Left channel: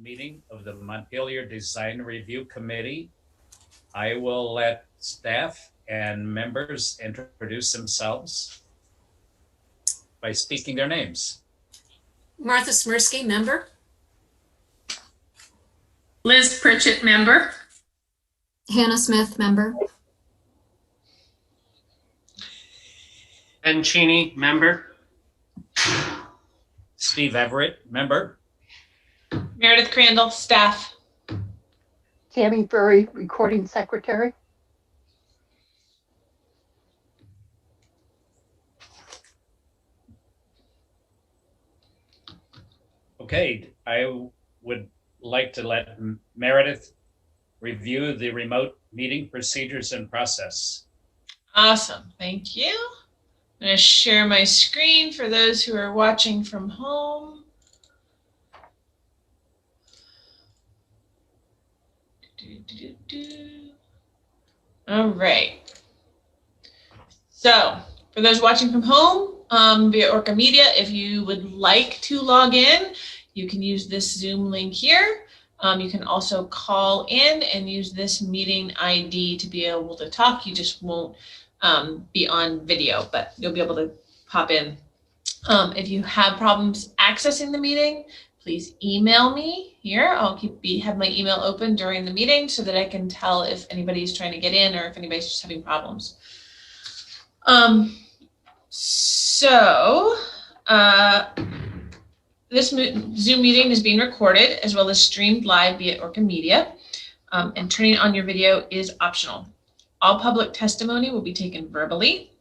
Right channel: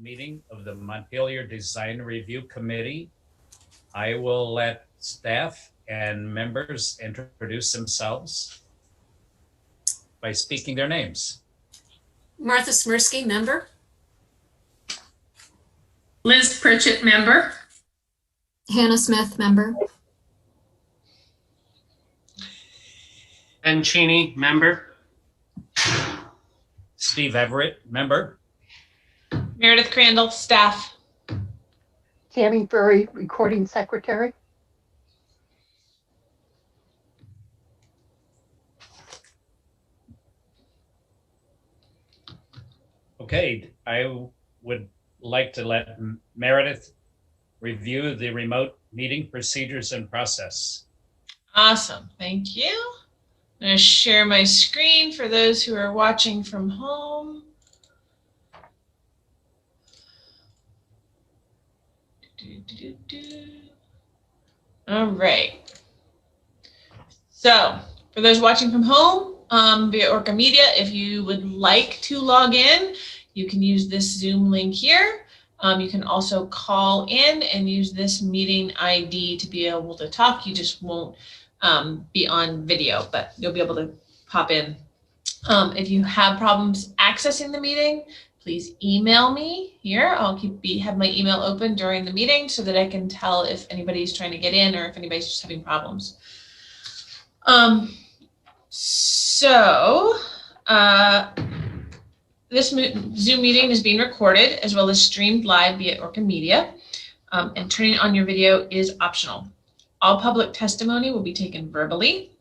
Meeting of the Montpelier Design Review Committee. I will let staff and members introduce themselves by speaking their names. Martha Smirsky, member. Liz Pritchett, member. Hannah Smith, member. Ben Cheney, member. Steve Everett, member. Meredith Crandall, staff. Tammy Burry, recording secretary. Okay, I would like to let Meredith review the remote meeting procedures and process. Awesome, thank you. I'm going to share my screen for those who are watching from home. All right. So for those watching from home via ORCA Media, if you would like to log in, you can use this Zoom link here. You can also call in and use this meeting ID to be able to talk. You just won't be on video, but you'll be able to pop in. If you have problems accessing the meeting, please email me here. I'll have my email open during the meeting so that I can tell if anybody's trying to get in or if anybody's just having problems. This Zoom meeting is being recorded as well as streamed live via ORCA Media, and turning on your video is optional. All public testimony will be taken verbally,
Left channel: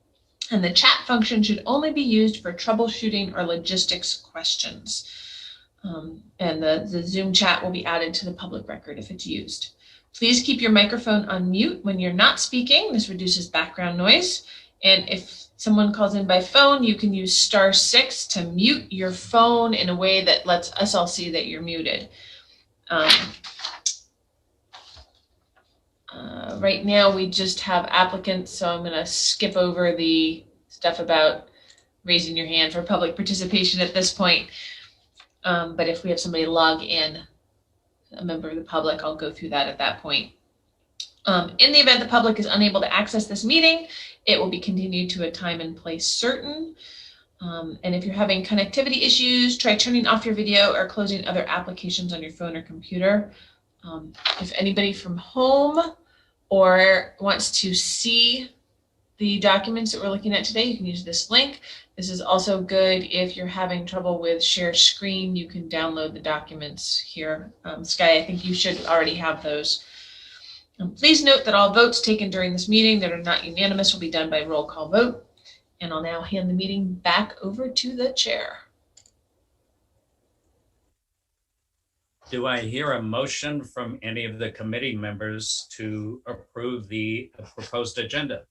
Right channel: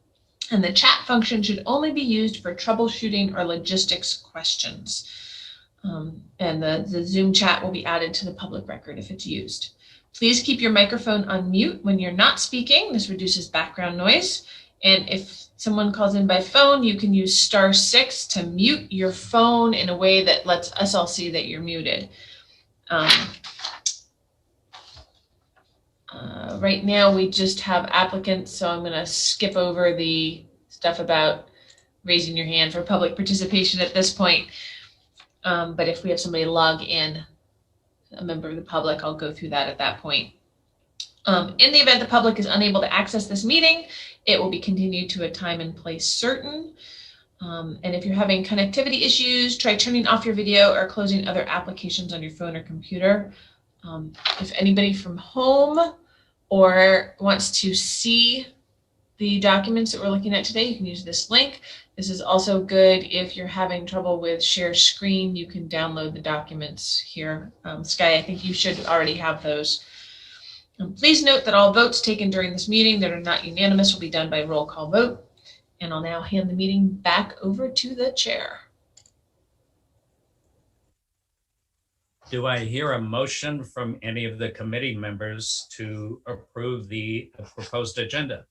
and the chat function should only be used for troubleshooting or logistics questions. And the Zoom chat will be added to the public record if it's used. Please keep your microphone on mute when you're not speaking. This reduces background noise. And if someone calls in by phone, you can use *6 to mute your phone in a way that lets us all see that you're muted. Right now, we just have applicants, so I'm going to skip over the stuff about raising your hand for public participation at this point. But if we have somebody log in, a member of the public, I'll go through that at that point. In the event the public is unable to access this meeting, it will be continued to a time and place certain. And if you're having connectivity issues, try turning off your video or closing other applications on your phone or computer. If anybody from home or wants to see the documents that we're looking at today, you can use this link. This is also good if you're having trouble with share screen. You can download the documents here. Sky, I think you should already have those. Please note that all votes taken during this meeting that are not unanimous will be done by roll call vote. And I'll now hand the meeting back over to the chair. Do I hear a motion from any of the committee members to approve the proposed agenda?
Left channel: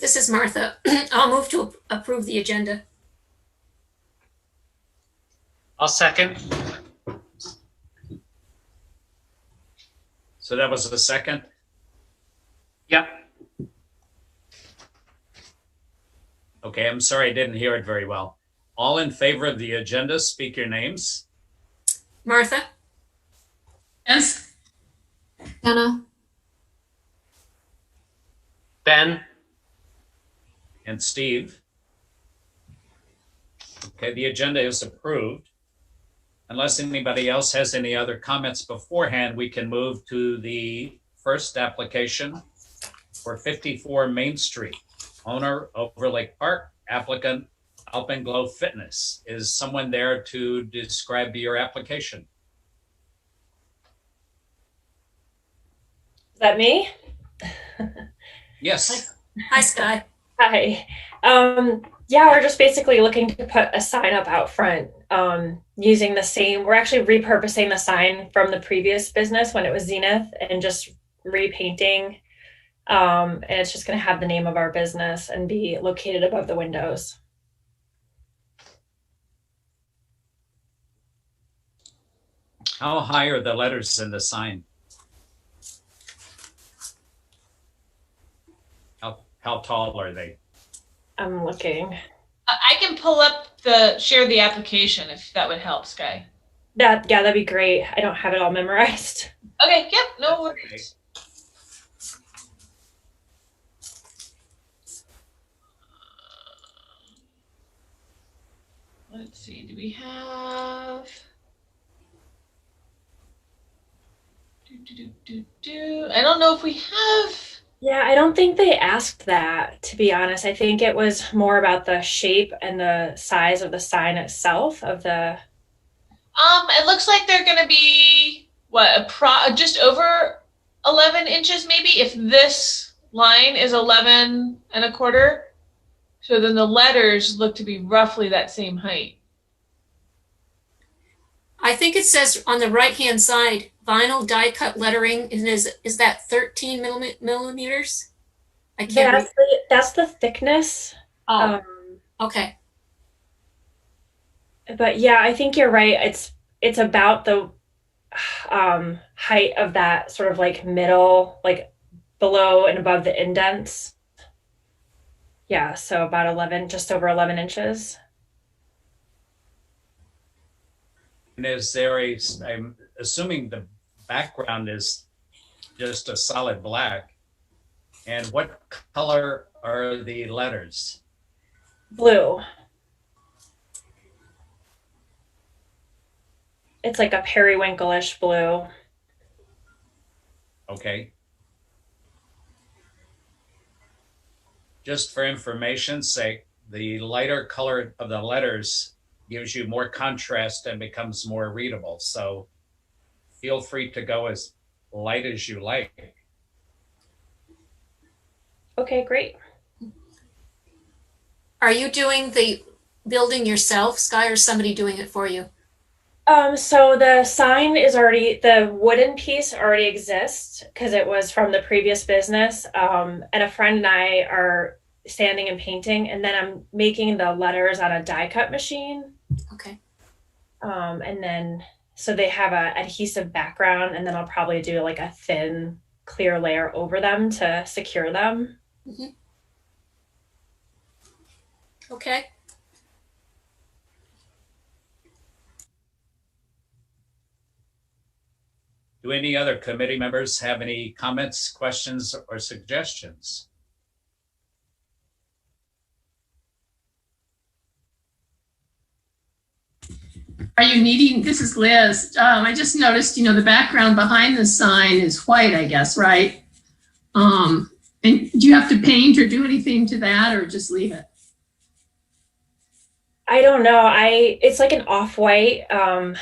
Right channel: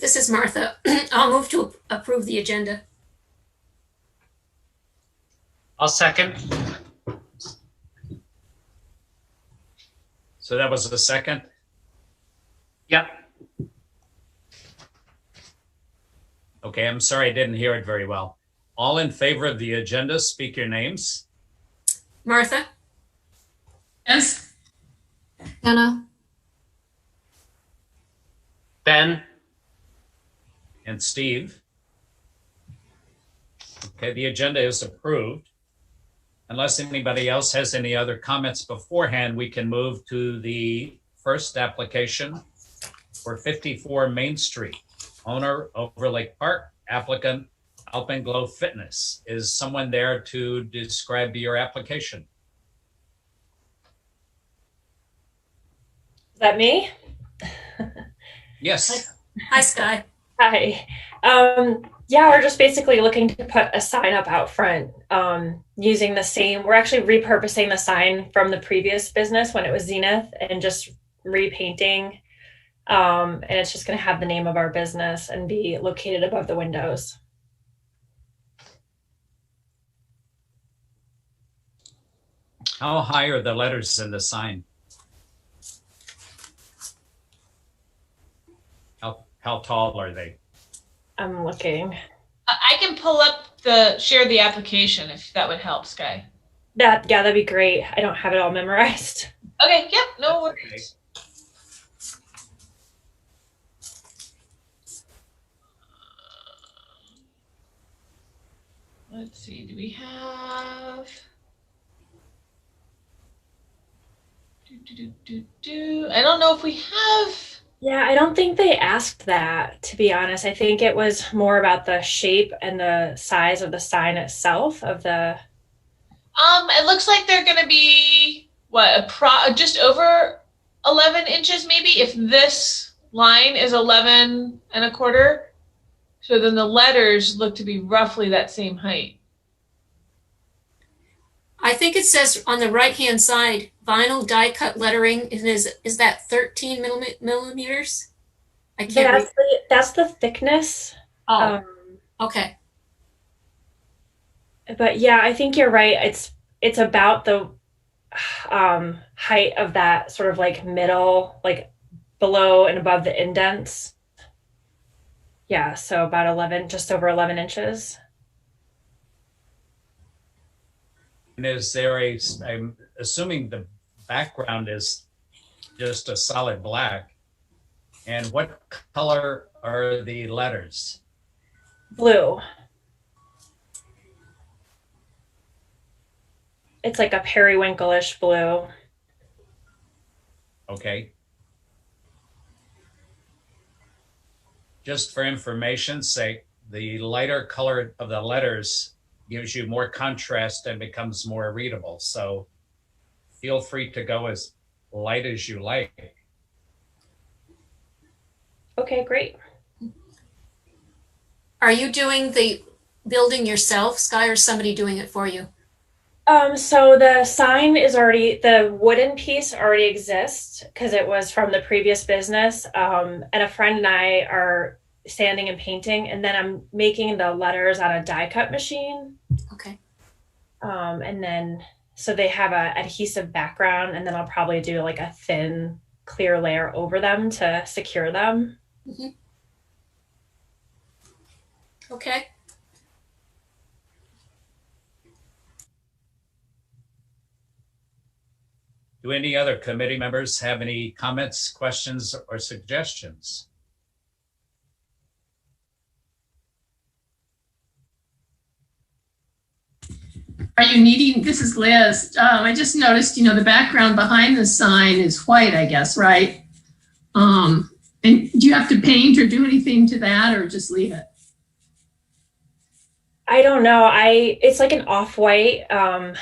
This is Martha. I'll move to approve the agenda. I'll second. So that was the second? Yep. Okay, I'm sorry I didn't hear it very well. All in favor of the agenda, speak your names. Martha. Yes. Hannah. Ben. And Steve. Okay, the agenda is approved. Unless anybody else has any other comments beforehand, we can move to the first application for 54 Main Street. Owner, Overlake Park, applicant, Alpenglow Fitness. Is someone there to describe your application? Is that me? Yes. Hi, Sky. Hi. Yeah, we're just basically looking to put a sign up out front using the same, we're actually repurposing the sign from the previous business when it was Zenith and just repainting. And it's just going to have the name of our business and be located above the windows. How high are the letters in the sign? How tall are they? I'm looking. I can pull up share the application if that would help, Sky. That'd be great. I don't have it all memorized. Okay, yep, no That's worries. Let's see, do we have? I don't know if we have. Yeah, I don't think they asked that, to be honest. I think it was more about the shape and the size of the sign itself of the. It looks like they're gonna be just over 11 inches, maybe. If this line is 11 1/4, so then the letters look to be roughly that same height. I think it says on the right-hand side, vinyl die-cut lettering, and is that 13 millimeters? I can't read. That's the thickness. Oh, okay. But yeah, I think you're right. It's about the height of that sort of like middle, like below and above the indents. Yeah, so about 11, just over 11 inches. And I'm assuming the background is just a solid black. And what color are the letters? Blue. It's like a periwinkle-ish blue. Okay. Just for information's sake, the lighter color of the letters gives you more contrast and becomes more readable. So feel free to go as light as you like. Okay, great. Are you doing the building yourself, Sky, or is somebody doing it for you? So the sign is the wooden piece already exists because it was from the previous business. And a friend and I are sanding and painting, and then I'm making the letters on a die cut machine. Okay. And then, so they have a adhesive background, and then I'll probably do like a thin, clear layer over them to secure them. Mm-hmm. Okay. Do any other committee members have any comments, questions, or suggestions? Are you needing, this is Liz. I just noticed, the background behind the sign is white, I guess, right? And do you have to paint or do anything to that or just leave it? I don't know. It's like an off-white. I'm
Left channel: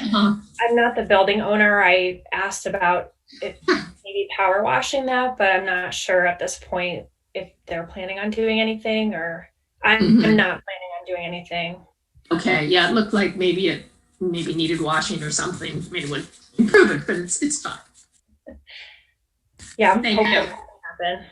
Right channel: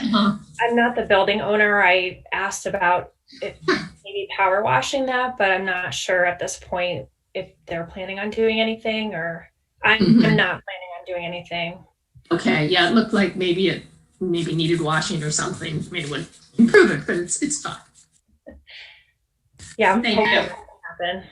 not the building owner. I asked about if maybe power washing that, but I'm not sure at this point if they're planning on doing anything or I'm not planning on doing anything. Okay, yeah, it looked like maybe it needed washing or something. Maybe it would improve it, but it's fine. Yeah, I'm Thank hoping you. that will happen.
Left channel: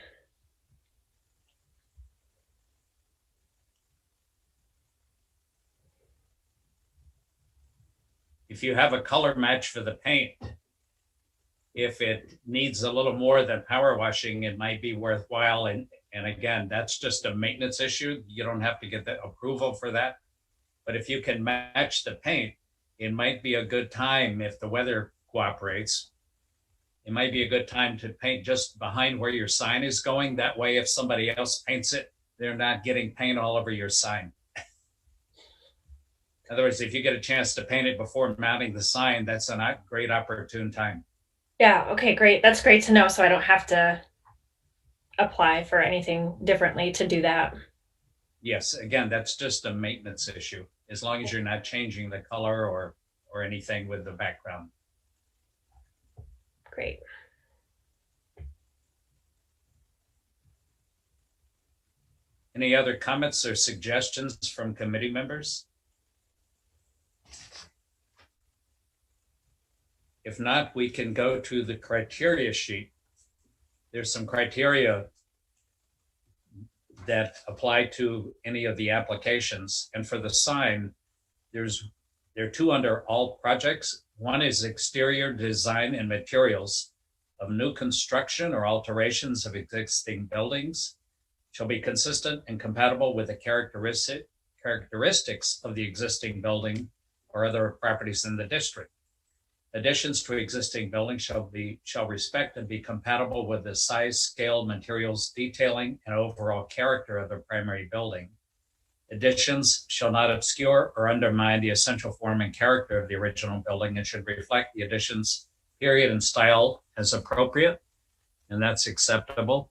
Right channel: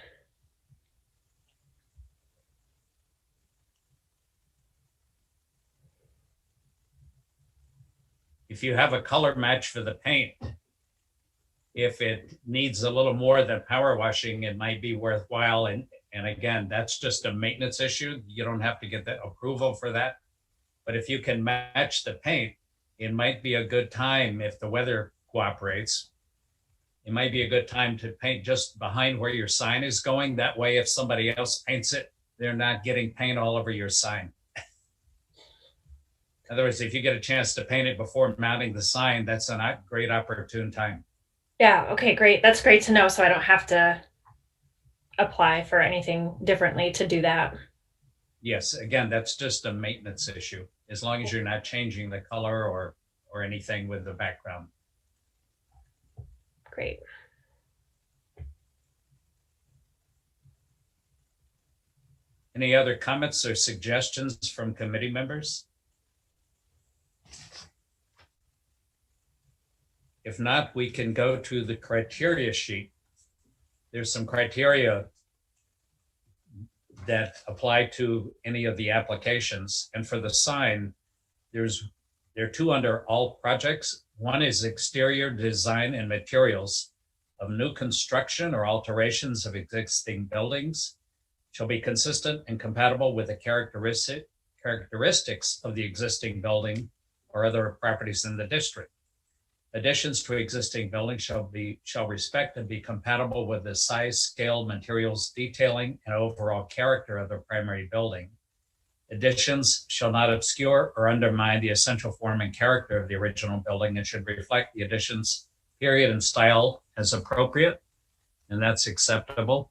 If you have a color match for the paint, if it needs a little more than power washing, it might be worthwhile. And again, that's just a maintenance issue. You don't have to get the approval for that. But if you can match the paint, it might be a good time if the weather cooperates. It might be a good time to paint just behind where your sign is going. That way, if somebody else paints it, they're not getting paint all over your sign. In other words, if you get a chance to paint it before mounting the sign, that's a great opportune time. Yeah, okay, great. That's great to know so I don't have to apply for anything differently to do that. Yes, again, that's just a maintenance issue, as long as you're not changing the color or anything with the background. Great. Any other comments or suggestions from committee members? If not, we can go to the criteria sheet. There's some criteria that apply to any of the applications. And for the sign, there are two under all projects. One is exterior design and materials of new construction or alterations of existing buildings shall be consistent and compatible with the characteristics of the existing building or other properties in the district. Additions to existing buildings shall respect and be compatible with the size, scale, materials, detailing, and overall character of the primary building. Additions shall not obscure or undermine the essential form and character of the original building and should reflect the addition's period and style as appropriate, and that's acceptable.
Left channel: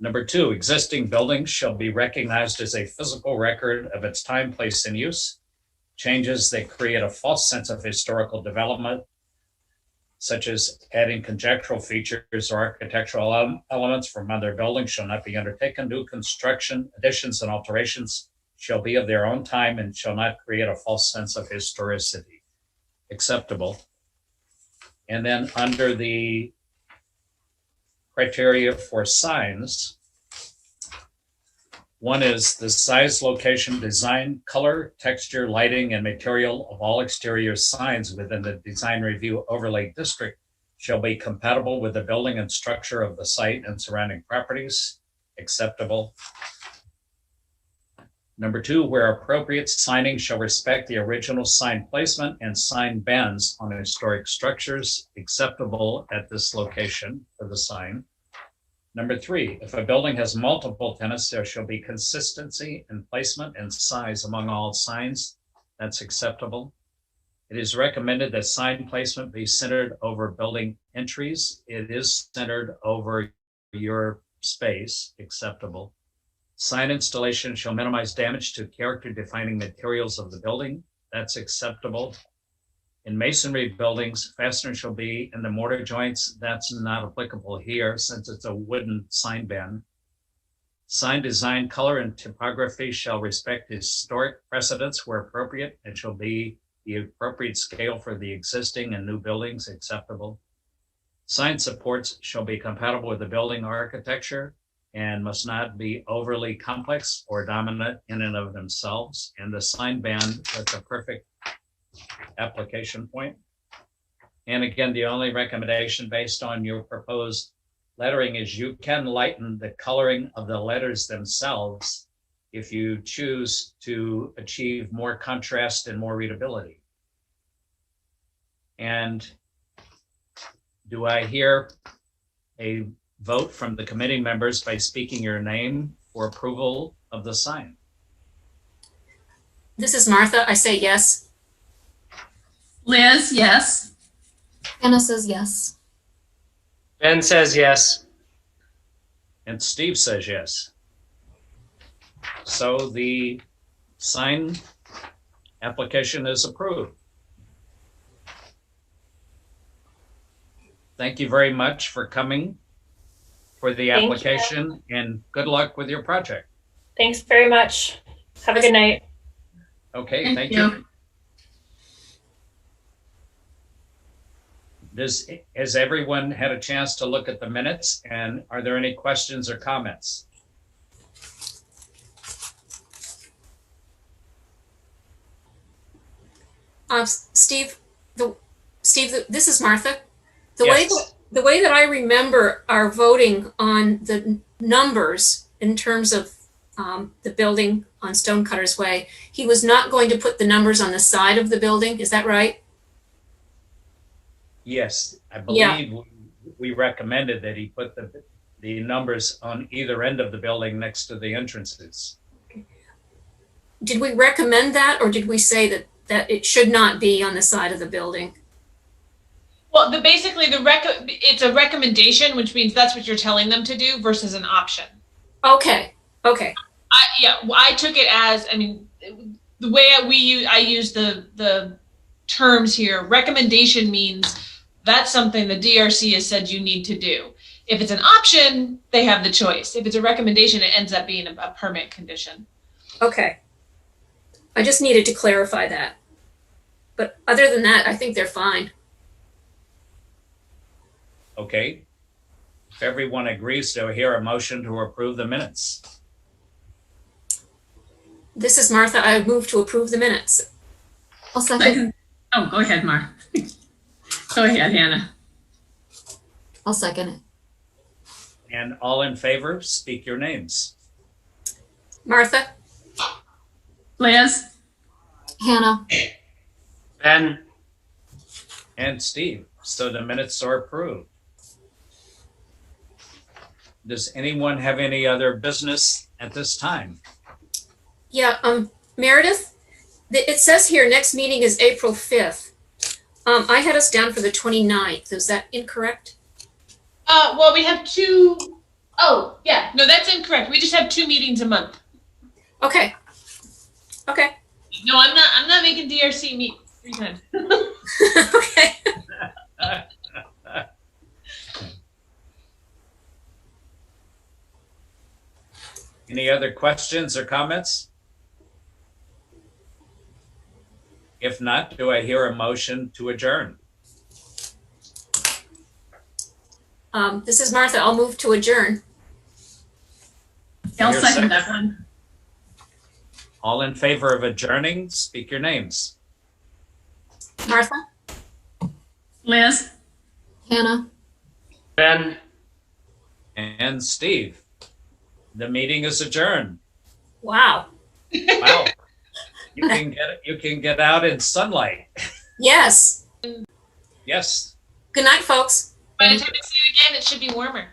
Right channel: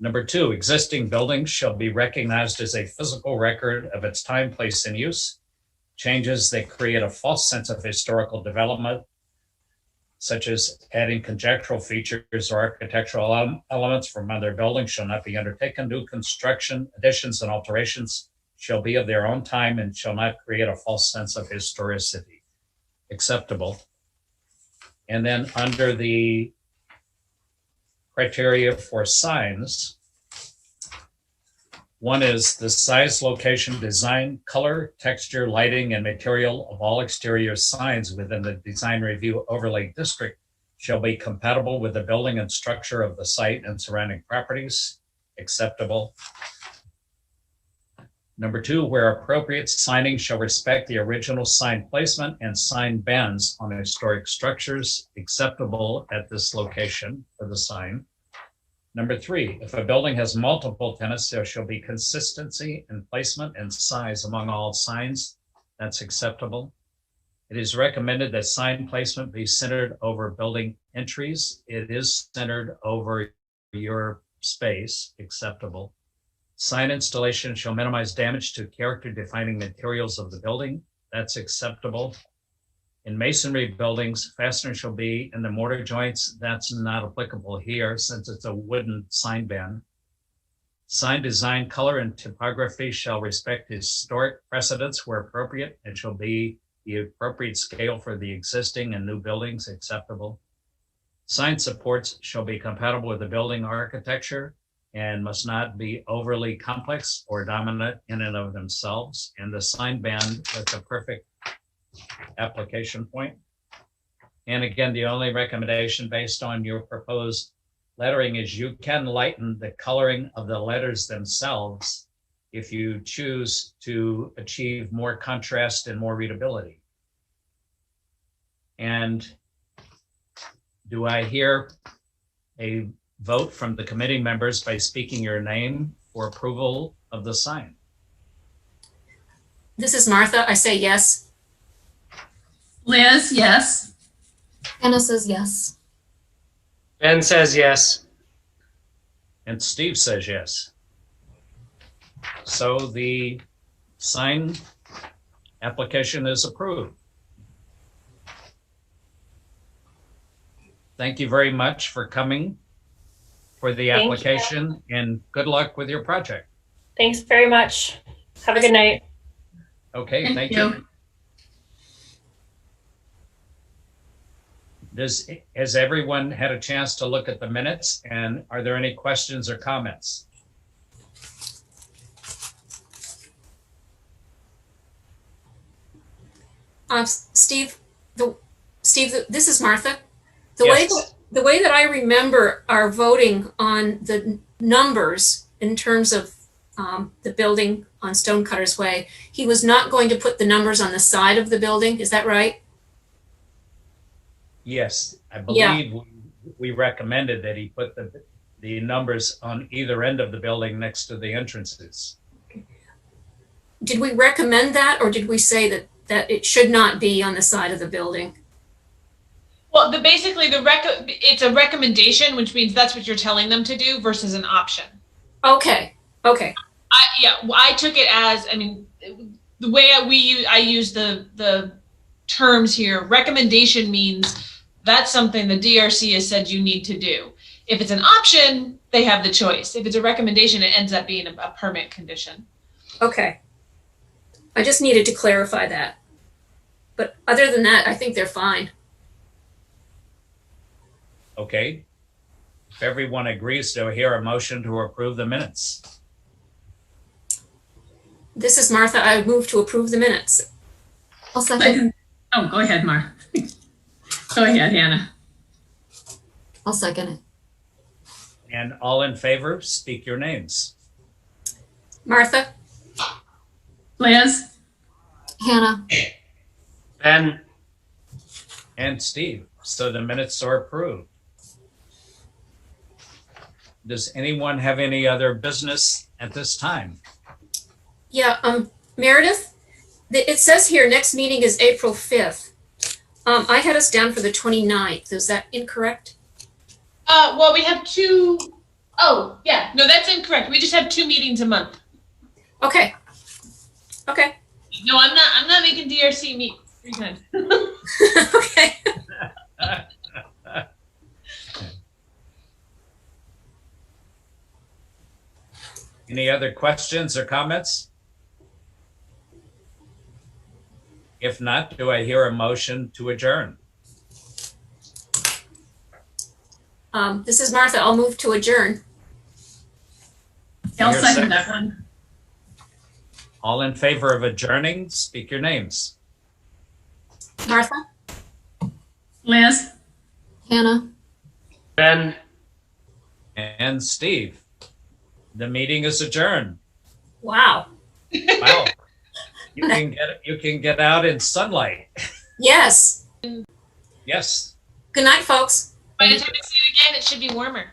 Number 2, existing buildings shall be recognized as a physical record of its time, place, and use. Changes that create a false sense of historical development, such as adding conjectural features or architectural elements from other buildings, shall not be undertaken. New construction, additions, and alterations shall be of their own time and shall not create a false sense of historicity. Acceptable. And then under the criteria for signs, one is the size, location, design, color, texture, lighting, and material of all exterior signs within the design review overlay district shall be compatible with the building and structure of the site and surrounding properties. Acceptable. Number 2, where appropriate, signing shall respect the original sign placement and sign bends on historic structures. Acceptable at this location for the sign. Number 3, if a building has multiple tenants, there shall be consistency in placement and size among all signs. That's acceptable. It is recommended that sign placement be centered over building entries. It is centered over your space. Acceptable. Sign installation shall minimize damage to character-defining materials of the building. That's acceptable. In masonry buildings, fasteners shall be in the mortar joints. That's not applicable here since it's a wooden sign bend. Sign design, color, and typography shall respect historic precedents where appropriate. It shall be the appropriate scale for the existing and new buildings. Acceptable. Sign supports shall be compatible with the building architecture and must not be overly complex or dominant in and of themselves. And the sign band, that's a perfect application point. And again, the only recommendation based on your proposed lettering is you can lighten the coloring of the letters themselves if you choose to achieve more contrast and more readability. And do I hear a vote from the committee members by speaking your name for approval of the sign? This is Martha. I say yes. Liz, yes. Anna says yes. Ben says yes. And Steve says yes. So the sign application is approved. Thank you very much for coming for the Thank you. application and good luck with your project. Thanks very much. Have a good night. Okay, thank you. Has everyone had a chance to look at the minutes, and are there any questions or comments? Steve, this is Martha. Yes. The way that I remember our voting on the numbers in terms of the building on Stonecutter's Way, he was not going to put the numbers on the side of the building. Is that right? Yes, I believe we recommended that he put the numbers on either end of the building next to the entrances. Did we recommend that, or did we say that it should not be on the side of the building? Well, it's a recommendation, which means that's what you're telling them to do versus an option. Okay. I took it as, the way I use the terms here. Recommendation means that's something the DRC has said you need to do. If it's an option, they have the choice. If it's a recommendation, it ends up being a permit condition. Okay. I just needed to clarify that. But other than that, I think they're fine. Okay. If everyone agrees, do I hear a motion to approve the minutes? This is Martha. I move to approve the minutes. I'll second. Oh, go ahead, Mar. Go ahead, Hannah. I'll second it. And all in favor, speak your names. Martha, Liz, Hannah, Ben, and Steve. So the minutes are approved. Does anyone have any other business at this time? Yeah, Meredith, it says here next meeting is April 5th. I had us down for the 29th. Is that incorrect? Well, we have two. Oh, yeah. No, that's incorrect. We just have 2 meetings a month. Okay. Okay. No, I'm not making DRC meet 3 times. Okay. Any other questions or comments? If not, do I hear a motion to adjourn? This is Martha. I'll move to adjourn. I'll Here's second second. that one. All in favor of adjourning, speak your names. Martha? Liz, Hannah, Ben, And Steve. The meeting is adjourned. Wow. Wow. You can get out in sunlight. Yes. Yes. Good night, folks. By the time I see you again, it should be warmer.